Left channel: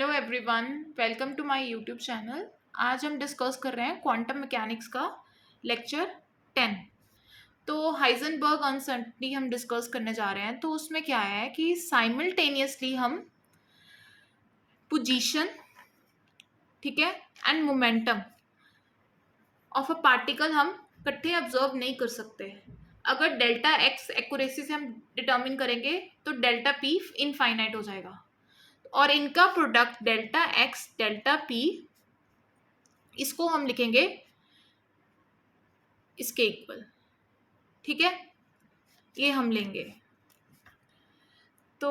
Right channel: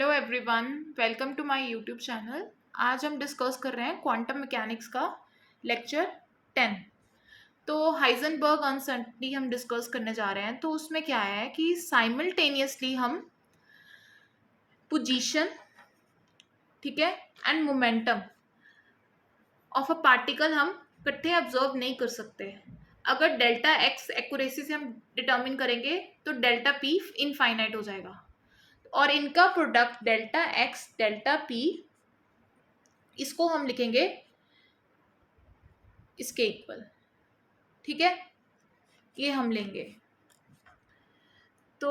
Hello everyone, welcome to my YouTube channel. आज हम discuss कर रहे हैं क्वांटम मैकेनिक्स का लेक्चर 10। तो हाइजेनबर्ग अनसर्टेनिटी हम डिस्कस करने जा रहे हैं। तो उसमें क्या है कि साइमल्टेनियसली हम पोजीशन, ठीक है, and momentum of a particle हम इकट्ठे ऑब्जर्व नहीं कर सकते। अगर डेल्टा एक्स एक्यूरेसी से हम डिटर्मिन करेंगे तो डेल्टा पी इनफाइनाइट हो जाएगा और इनका product delta x delta P, इसको हम लिखेंगे इसके इक्वल। ठीक है, ये हम लेंगे। तो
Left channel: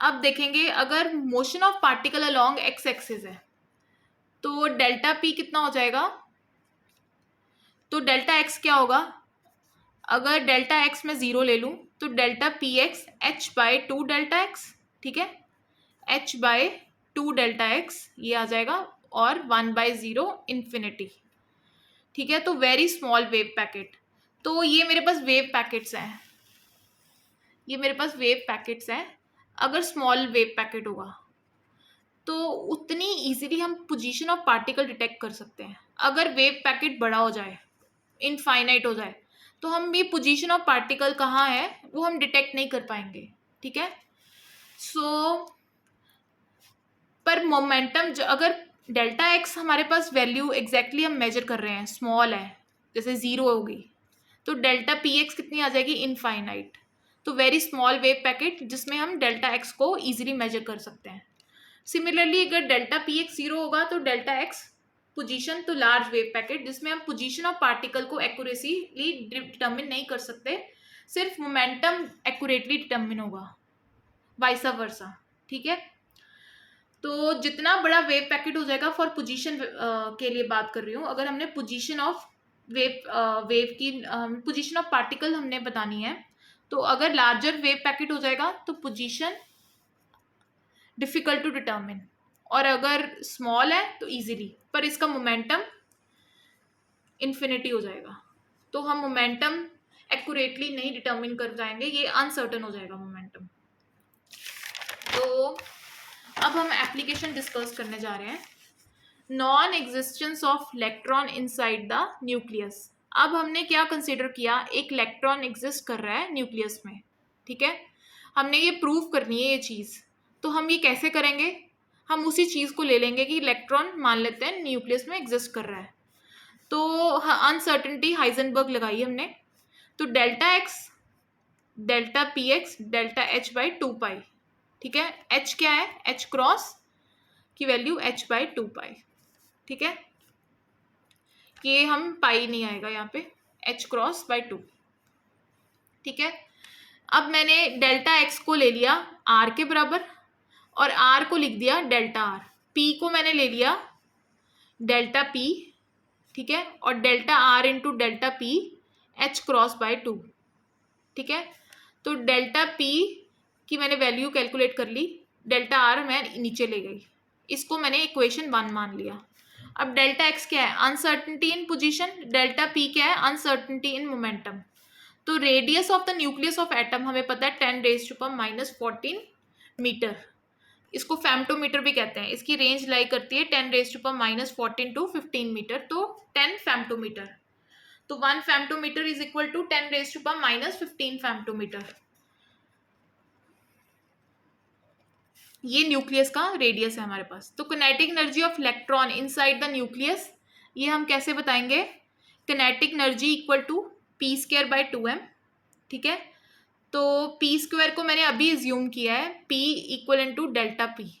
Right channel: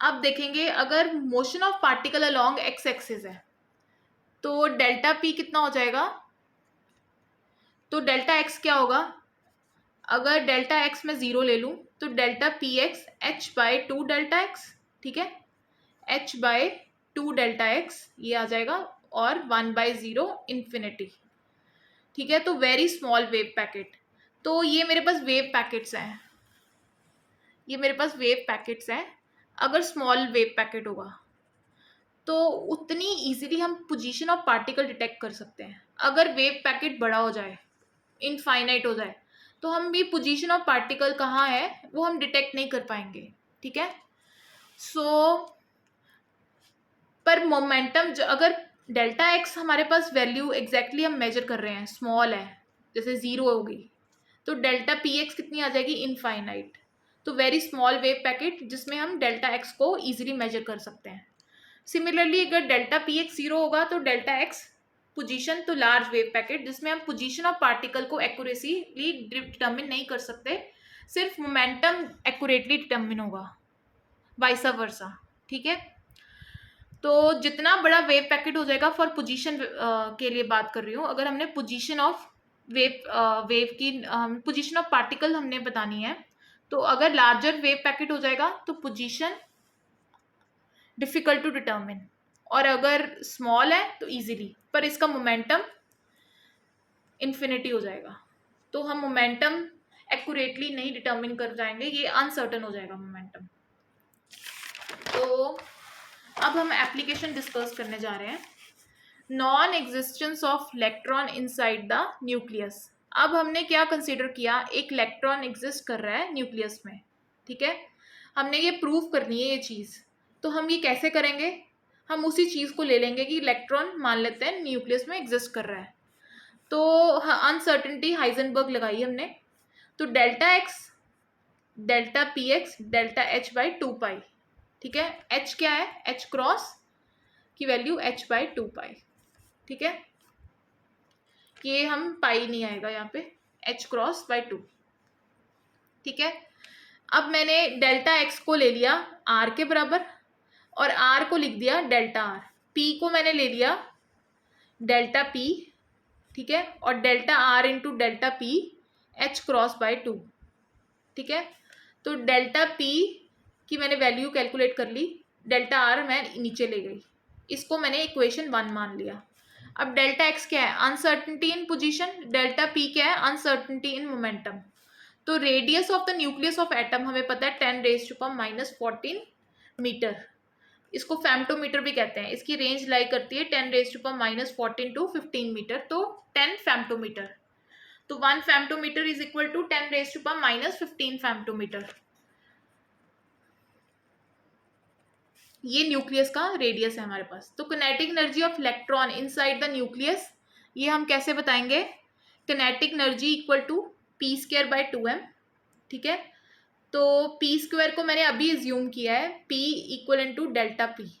अब देखेंगे अगर motion of particle along x axis है तो डेल्टा पी कितना हो जाएगा। तो डेल्टा एक्स क्या होगा, अगर डेल्टा एक्स में जीरो ले लूं तो delta p x H by two delta x, ठीक है, H by two delta x ये आ जाएगा और 1/0 इन्फिनिटी। ठीक है, तो वेरी स्मॉल वेव पैकेट। तो ये मेरे पास वेव पैकेट्स हैं, ये मेरे पास वेव पैकेट्स हैं। अगर स्मॉल वेव पैकेट होगा तो उतनी इजीली हम पोजीशन ऑफ पार्टिकल डिटेक्ट कर सकते हैं। अगर वेव पैकेट बड़ा हो जाए, इनफाइनाइट हो जाए, तो हम ये पोजीशन ऑफ पार्टिकल कहाँ है वो हम डिटेक्ट नहीं कर पाएंगे। ठीक है, पर मोमेंटम अगर डेल्टा एक्स हमारे पास वैल्यू एग्जैक्टली हम मेजर कर रहे हैं, स्मॉल है, जैसे जीरो होगी, तो डेल्टा पी एक्स कितनी आ जाएगी, इनफाइनाइट। तो वेरी स्मॉल वेव पैकेट जिसमें हम डेल्टा एक्स को इजीली मेजर कर सकते हैं। सिमिलरली अगर डेल्टा पी एक्स जीरो होगा तो डेल्टा एक्स पोजीशन, तो लार्ज वेव पैकेट जिसमें हम पोजीशन ऑफ पार्टिकल को एक्यूरेसीली डिटर्मिन नहीं कर सकते, सिर्फ मोमेंटम एक्यूरेटली डिटर्मिन होगा, वाइसा वर्सा। ठीक है, तो जितना बड़ा वेव पैकेट हो जाएगा, फॉर पोजीशन के लिए बात कर रही हूँ, अगर हमने पोजीशन ऑफ वेव की पोजीशन ऑफ पार्टिकल हमने बतानी है, तो अगर लार्जर वेव पैकेट हो जाएगा तो पोजीशन डिफिकल्ट टू डिटर्मिन, और अगर स्मॉल है तो इजीली, पर इसका मोमेंटम इन्फिनिटी हो जाएगा। तो हम मोमेंटम एक्यूरेटली नहीं डिटर्मिन कर जाएंगे, ये अनसर्टन हो जाएगा मोमेंटम। तो अब हम एप्लीकेशन डिस्कस करने जा रहे हैं, non existence of electron inside the nucleus. अब हमने क्या कंसिडर किया, एक इलेक्ट्रॉन एग्जिस्ट कर रहा है न्यूक्लियस में। ठीक है, हमने ये प्रूव करनी है ये चीज़। तो हम ये कैसे करेंगे, हम उसी चीज़ को ले लेंगे कि इलेक्ट्रॉन मान लेते हैं न्यूक्लियस में एग्जिस्ट कर रहा है। तो अनसर्टेनिटी हाइजेनबर्ग लगाई हमने, तो delta x delta p x delta h by two pi. ठीक है, एच क्या है, एच क्रॉस की value h by two pi. ठीक है, ये हम पाई नहीं आएगा यहाँ पे, एच क्रॉस बाई टू। ठीक है, अब मैंने डेल्टा एक्स को ले लिया आर के बराबर और आर को लिख दिया डेल्टा आर, पी को मैंने ले लिया डेल्टा पी, ठीक है, और delta R into delta P H cross by two. ठीक है, तो डेल्टा पी की मैंने वैल्यू कैलकुलेट कर ली, डेल्टा आर मैं नीचे ले गई, इसको मैंने इक्वेशन 1 मान लिया। अब डेल्टा एक्स क्या है, अनसर्टेनिटी इन पोजीशन, डेल्टा पी क्या है, अनसर्टेनिटी इन मोमेंटम। तो radius of the nucleus of atom हमें पता है 10⁻⁻14 मीटर, इसको फेम्टोमीटर भी कहते हैं। इसकी रेंज लाई करती है 10⁻⁻14 टू 15 मीटर, तो 10 फेम्टोमीटर। तो 1 femtometre is equal to 10⁻⁻15 femtometre. ये न्यूक्लियस का रेडियस है हमारे पास। तो kinetic energy of electron inside the nucleus, ये हम कैसे बताएंगे, kinetic energy equal to P square by 2m। ठीक है, तो पी स्क्वायर को मैंने अभी ज्यूम किया है, P equal into delta P.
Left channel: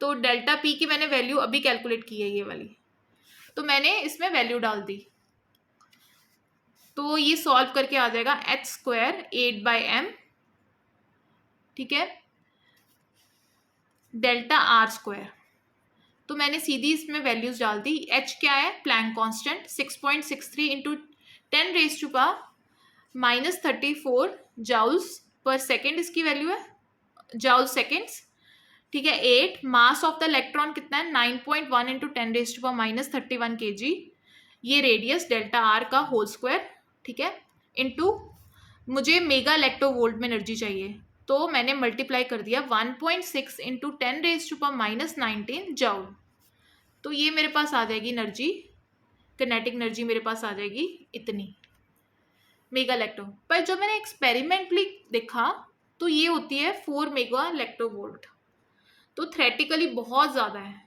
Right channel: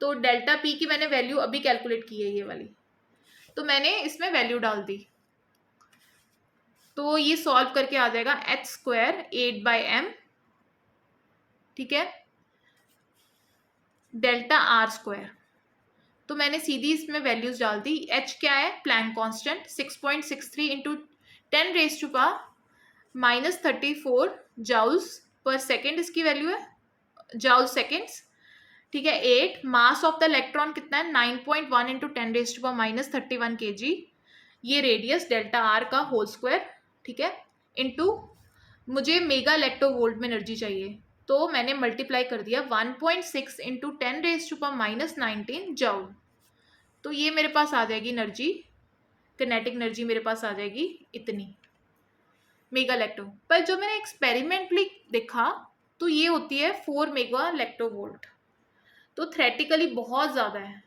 तो डेल्टा पी की मैंने वैल्यू अभी कैलकुलेट की है ये वाली, तो मैंने इसमें वैल्यू डाल दी। तो ये सॉल्व करके आ जाएगा एच स्क्वायर 8/m, ठीक है, डेल्टा आर स्क्वायर। तो मैंने सीधी इसमें वैल्यूज डाल दी। एच क्या है, प्लैंक कांस्टेंट 6.63 इंटू 10⁻⁻34 जाउल्स पर सेकेंड इसकी वैल्यू है, जाउल सेकेंड्स। ठीक है, 8 मास ऑफ द इलेक्ट्रॉन कितना है, 9.1 इंटू 10⁻31 kg। ये रेडियस डेल्टा आर का होल स्क्वायर, ठीक है, इंटू मुझे मेगा इलेक्ट्रोवोल्ट में एनर्जी चाहिए, तो मैंने मल्टीप्लाई कर दिया 1.6 इंटू 10⁻⁻19 जूल। तो ये मेरे पास आ जाएगी एनर्जी, किनेटिक एनर्जी मेरे पास आ जाएगी इतनी मेगा इलेक्ट्रो। पर जब मैंने एक्सपेरिमेंटली देखा तो ये होती है 4 मेगा इलेक्ट्रोवोल्ट, तो थ्योरेटिकली बहुत ज़्यादा है।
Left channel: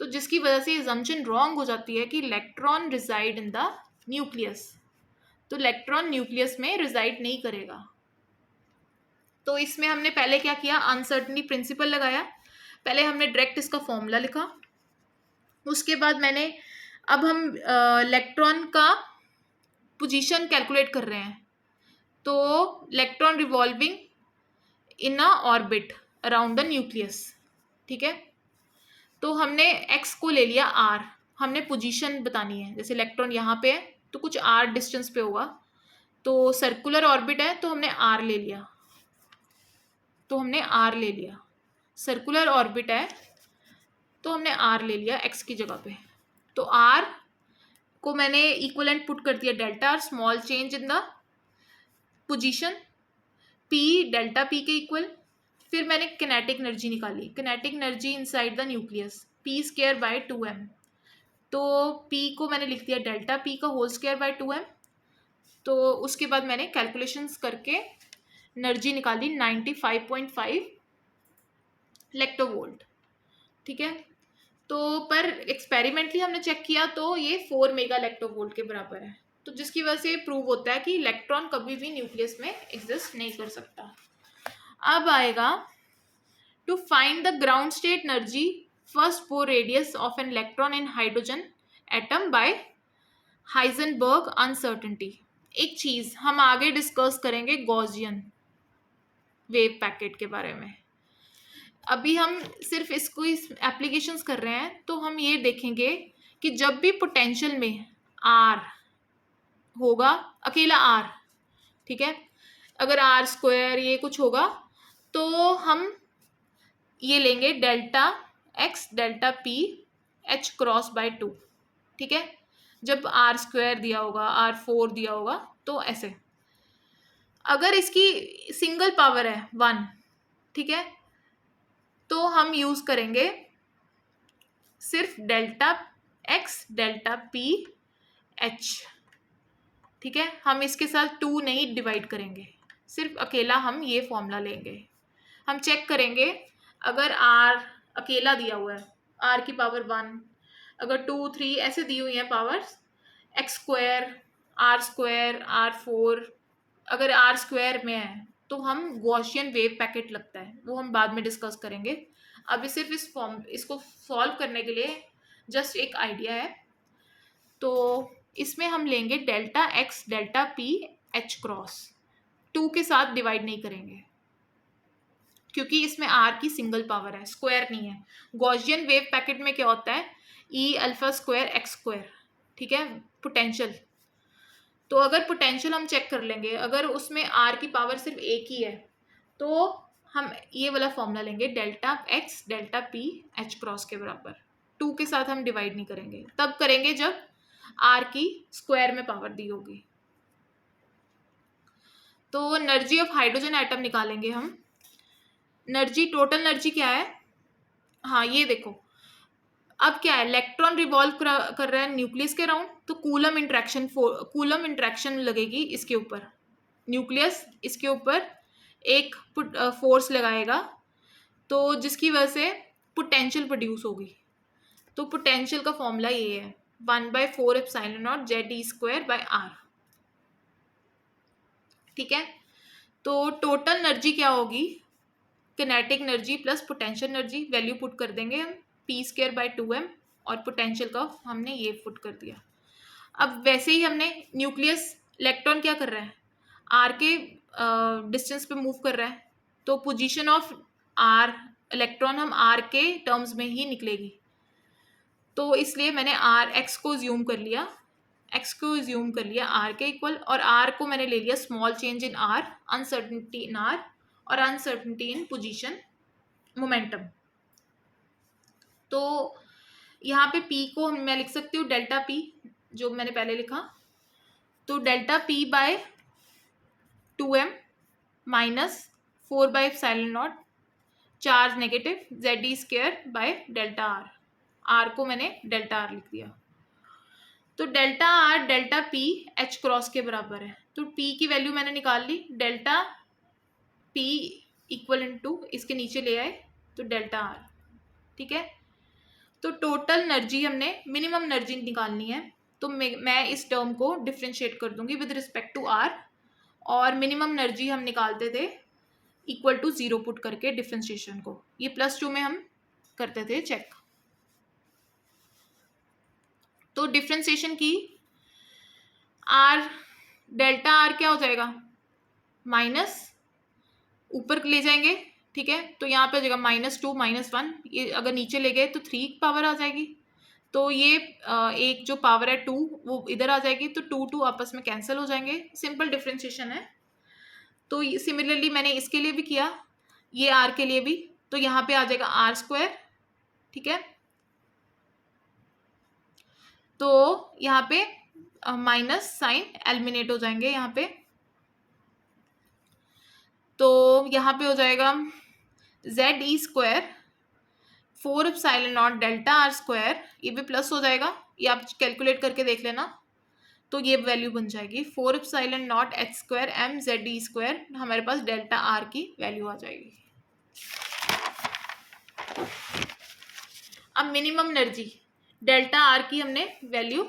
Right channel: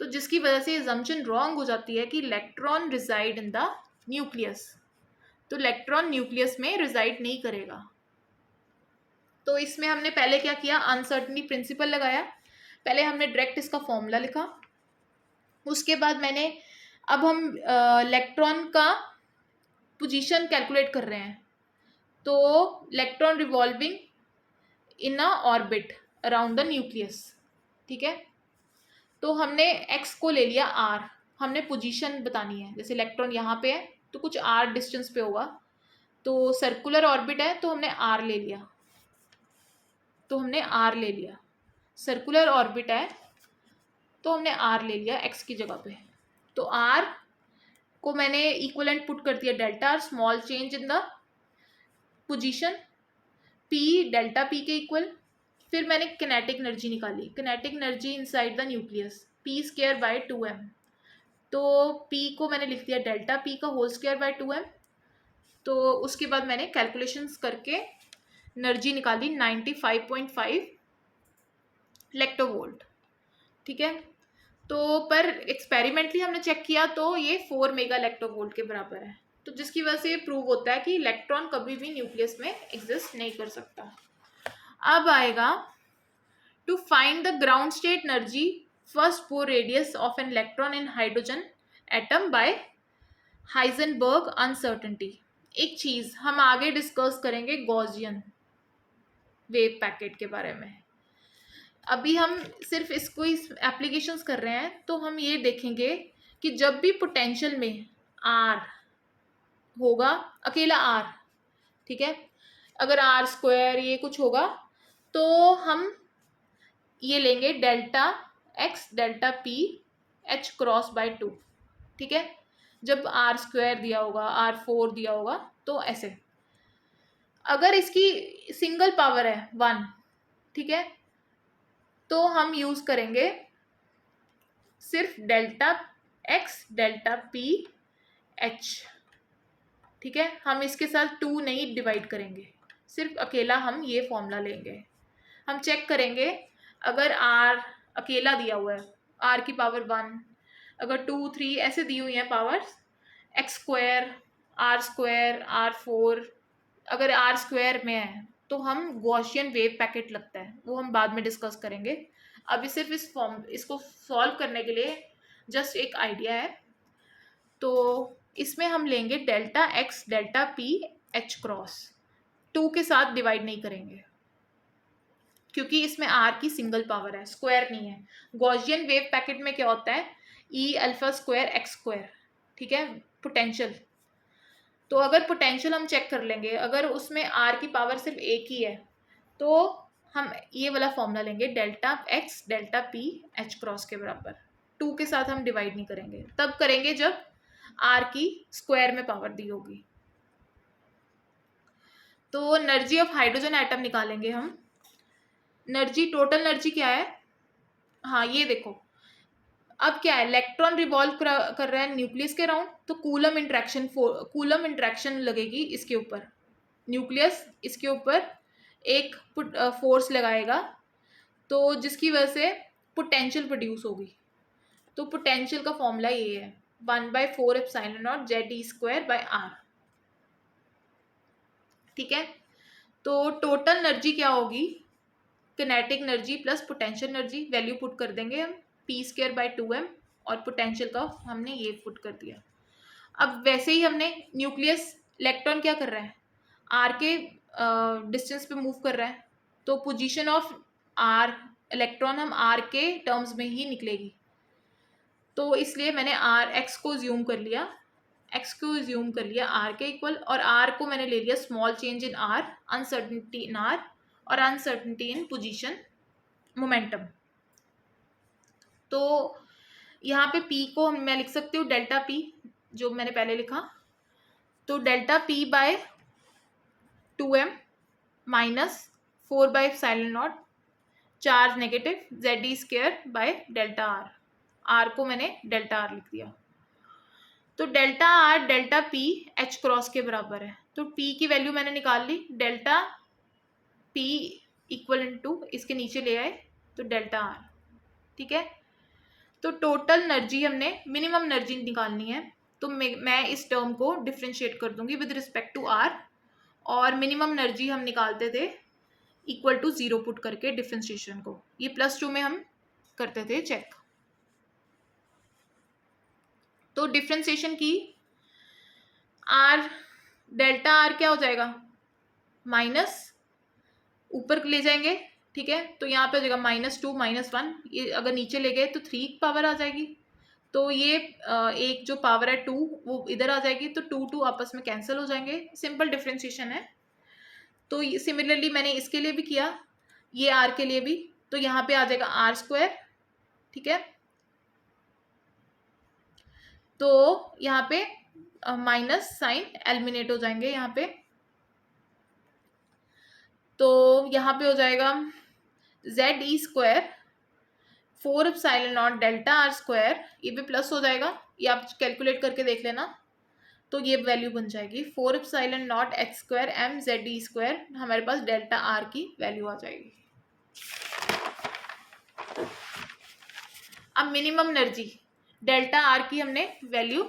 तो जिसकी वजह से अजम्पशन रॉन्ग हो जाती है कि electron reside in the nucleus. तो इलेक्ट्रॉन न्यूक्लियस में रिजाइड नहीं करेगा। तो इसमें हमने पहले क्या किया, अनसर्टनिटी प्रिंसिपल लगाया। पहले हमने डायरेक्ट इसका फॉर्मूला लिखा, उसके बाद मैंने, अब हम इलेक्ट्रॉन का पोजीशन कैलकुलेट कर रहे हैं। तो electron revolving in a orbit around the nucleus, ठीक है। तो हमने x को ले लिया r, हमने पोजीशन बतानी है। जैसे इलेक्ट्रॉन यहाँ पे है तो कुछ r डिस्टेंस पे होगा, तो सर्कुलर ऑर्बिट है तो हमने r ले लिया, सर्कुलर ऑर्बिट है तो हमने r ले लिया x की जगह पे। तो r को मैंने इक्वलेंट पुट कर दिया delta r, small change in the position, p delta p के इक्वल। फिर मैंने किनेटिक एनर्जी निकाली, kinetic energy inside the nucleus p²/2m। तो p को मैंने लिख दिया डेल्टा p का होल स्क्वायर बाय 2m। तो उसके बाद मैंने कैलकुलेशंस करके एनर्जी निकाली 95.5 इलेक्ट्रोवोल्ट, ठीक है। तो पर एक्सपेरिमेंटली हमने चेक किया तो ये 4 मेगा इलेक्ट्रोवोल्ट के बराबर है। तो जिसकी वजह से प्रूव होता है कि इलेक्ट्रॉन कभी भी न्यूक्लियस में एग्जिस्ट नहीं कर सकता। अब आएगा to find the ground state energy first Bohr radius of an electron in hydrogen atom by Heisenberg uncertainty. एक चीज हम आगे डिस्कस करेंगे गॉसियन वेव पैकेट के बारे में। अभी हम सिर्फ इसको इस एप्लीकेशंस कर रहे हैं। तो हम ये देखेंगे कि जब भी पोटेंशियल में आर होगा, अकेला आर, ठीक है, अगर आर स्क्वायर ये कुछ होगा तो हम ये लेंगे delta x delta P H cross bye 2, ठीक है। जब आर स्क्वायर दिया होगा, r4 दिया होगा, तो ऐसे। अगर इसकी सिंगल पावर है 1, ठीक है, तो हम यूज करेंगे सिर्फ delta x delta P H, ठीक है। हम इसके साथ 2 नहीं डिवाइड करेंगे, सिर्फ अकेला हम ये फॉर्मूला लेंगे। हम चेक करेंगे अगर r अकेला दिया हुआ है, r की पावर 1, अगर 2 3 ऐसे दी हुई हैं powers, x square r² r4, अगर r स्क्वायर में है तो हम गॉसियन वेव पैकेट लगता है, वो हम बाद में डिस्कस करेंगे। अभी सिर्फ इसको सॉल्व करने के लिए जस्ट एक आइडिया है। तो इसमें हम लेंगे delta x delta P H cross, 2 के साथ डिवाइड नहीं करेंगे क्योंकि इसमें r की सिंगल पावर है, स्क्वायर नहीं है। गॉसियन वेव पैकेट में क्या होता है, e alpha square x square, ठीक है, पोटेंशियल। तो अगर पोटेंशियल हम चेक कर लेंगे, अगर उसमें r की पावर सिर्फ एक ही है तो हम ये वाला फॉर्मूला लेंगे delta x delta P H cross के बराबर। 2 के साथ हम डिवाइड नहीं करेंगे, तब करेंगे जब r की स्क्वायर में पावर दी होगी। तो एनर्जी ऑफ हाइड्रोजन एटम निकालेंगे हम। एनर्जी, टोटल एनर्जी क्या है, हाँ ये देखो, अब क्या है, इलेक्ट्रॉन रिवॉल्व कर रहा है न्यूक्लियस के अराउंड, तो कूलम इंट्रैक्शन लगेगी इसके ऊपर, न्यूक्लियस इसके ऊपर एक फोर्स लगाएगा, तो जिसकी वजह से पोटेंशियल प्रोड्यूस होगी। तो पोटेंशियल का फॉर्मूला ये है 1/4 एप्सिलॉन नॉट ZE²/r, ठीक है। तो टोटल एनर्जी क्या होगी, kinetic energy plus potential energy, value put कर देंगे हम p²/2m, और पोटेंशियल का हमने ये पुट कर दिया। अब वैसे ही हमने न्यूक्लियस, इलेक्ट्रॉन क्या कर रहा है, r के डिस्टेंस पे मूव कर रहा है, तो पोजीशन ऑफ r इलेक्ट्रॉन हम r के टर्म्स में ही निकलेगी। तो इसलिए मैंने x को ज्यूम कर लिया, r के इक्वल, और r को मैंने ले लिया small change in r, uncertainty in r और अनसर्टेनिटी इन पोजीशन मोमेंटम। तो यहाँ पे p को मैं लिख सकती हूँ डेल्टा p, जो मैंने पहले लिखा, तो delta p/2m 4/ε0 charge negative ZE² are को मैंने डेल्टा आर लिख दिया। तो delta R delta P H cross के बराबर है, तो पी की वैल्यू मैंने निकाल ली, डेल्टा पी इक्वल टू इसके नीचे ले आए तो डेल्टा आर। ठीक है, तो टोटल एनर्जी हमने मिनिमम एनर्जी निकालनी है, तो मैं इस टर्म को डिफ्रेंशिएट कर दूंगी विद रिस्पेक्ट टू आर, और मिनिमम एनर्जी हम निकालते थे इक्वल टू 0 पुट करके डिफ्रेंशिएशन को, ये +2 में हम करते थे चेक। तो डिफ्रेंशिएशन की आर डेल्टा आर क्या हो जाएगा, माइनस ऊपर ले जाएंगे। ठीक है, तो यहाँ पे हो जाएगा -2 -1, ये अगर नीचे ले गए तो 3 पावर आ जाएगी, तो ये एक जो पावर है 2 वो इधर आ जाएगी, तो 2 आपस में कैंसिल हो जाएंगे। सिंपल डिफ्रेंशिएशन है। तो सिमिलरली मैंने इसके लिए भी किया, ये आर के लिए भी, तो यहाँ पे आ जाएगा r²। ठीक है, तो यहाँ पे माइनस साइन एलिमिनेट हो जाएंगे यहाँ पे, तो यहाँ पे हो जाएगा ZE² 4ε0 डेल्टा r², ये भी प्लस हो जाएगा, ये आप कैलकुलेट करके देख लेना, तो ये वैल्यू बन जाएगी 4ε0 h² m ZE², हमारे पास डेल्टा आर की वैल्यू आ जाएगी। अब मिनिमम एनर्जी डेल्टा आर की हमने वैल्यू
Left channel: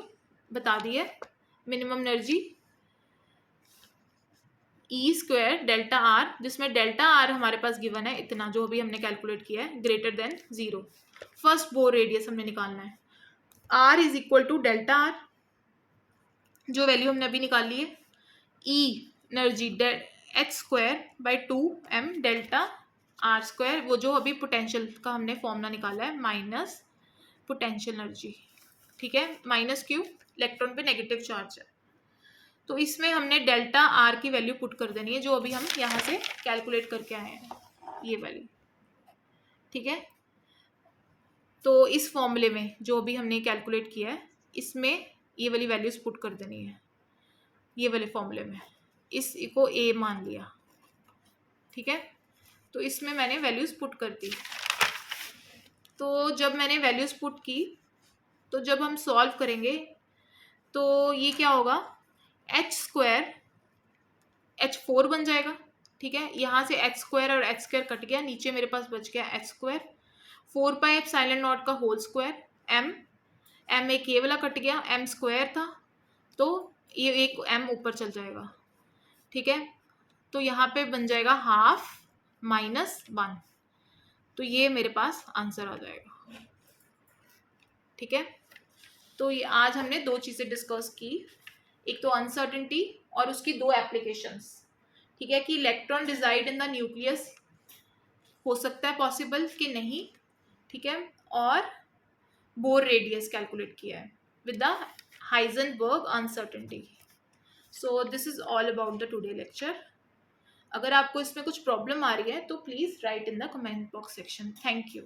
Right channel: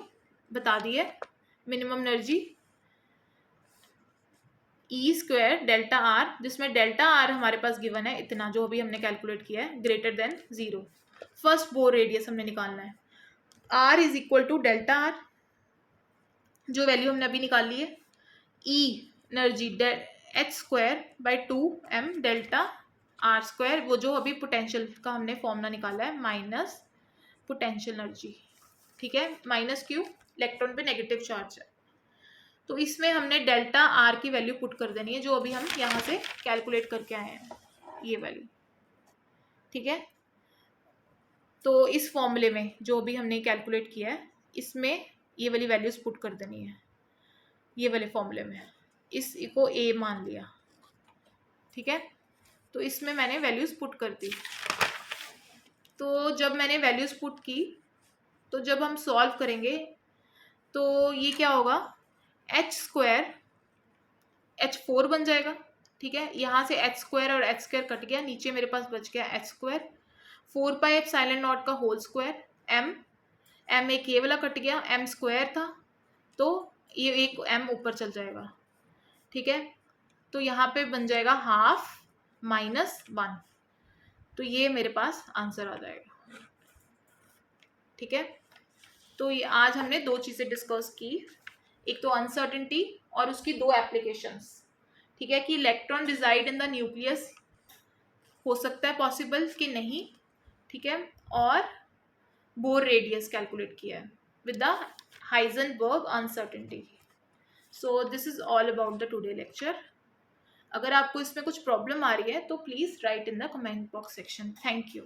बता दी है, minimum energy E² delta R, जिसमें डेल्टा आर हमारे पास गिवन है इतना, जो अभी हमने कैलकुलेट किया है, greater than 0। First Bohr radius हमने निकालना है, R is equal to delta R, जो वैल्यू हमने अभी निकाल ली है, E energy h²/2 m delta r², वो जो अभी पोटेंशियल का हमने फॉर्मूला निकाला है, माइनस पोटेंशियल एनर्जी। ठीक है, माइनस क्यों, इलेक्ट्रॉन पे नेगेटिव चार्ज है, तो इसमें हमने डेल्टा आर की वैल्यू पुट कर देनी है, जो अभी हम यहाँ से कैलकुलेट करके आए हैं, ये वैल्यू। ठीक है, तो इस फॉर्मूले में जो अभी हमने कैलकुलेट किया है, इसमें ये वाली वैल्यूज पुट कर देनी है, ये वाले फॉर्मूले में, इसको ए मान लिया। ठीक है, तो इसमें मैंने वैल्यूज पुट कर दी। तो जब मैंने वैल्यूज पुट की, तो जब हम सॉल्व करेंगे तो ये क्या होगा, h² h4 बन जाएगा। ठीक है, यहाँ से h² और h² कट गया, नीचे मेरे पास बच गया h², 4πε0 का होल स्क्वायर, m एक ये वाला कट गया, m² था, तो ये एक m ऊपर चल जाएगा। ठीक है, तो यहाँ पे बन जाएगा ½ -1, तो ये मेरे पास आंसर आ जाएगा। ठीक है, तो ये आज हमने दो चीज़ें डिस्कस की, एक तो अनसर्टेनिटी और उसकी दो एप्लीकेशंस। ठीक है, कि इलेक्ट्रॉन डिजाइड इन द न्यूक्लियस हो सकता है पॉसिबल कि नहीं। ठीक है, और बोर रेडियस कैलकुलेट किया है with the Heisenberg uncertainty. So this is all about the today lecture. अगर आपको इसमें कुछ प्रॉब्लम आ रही है तो please write in the comment box section. Thank you.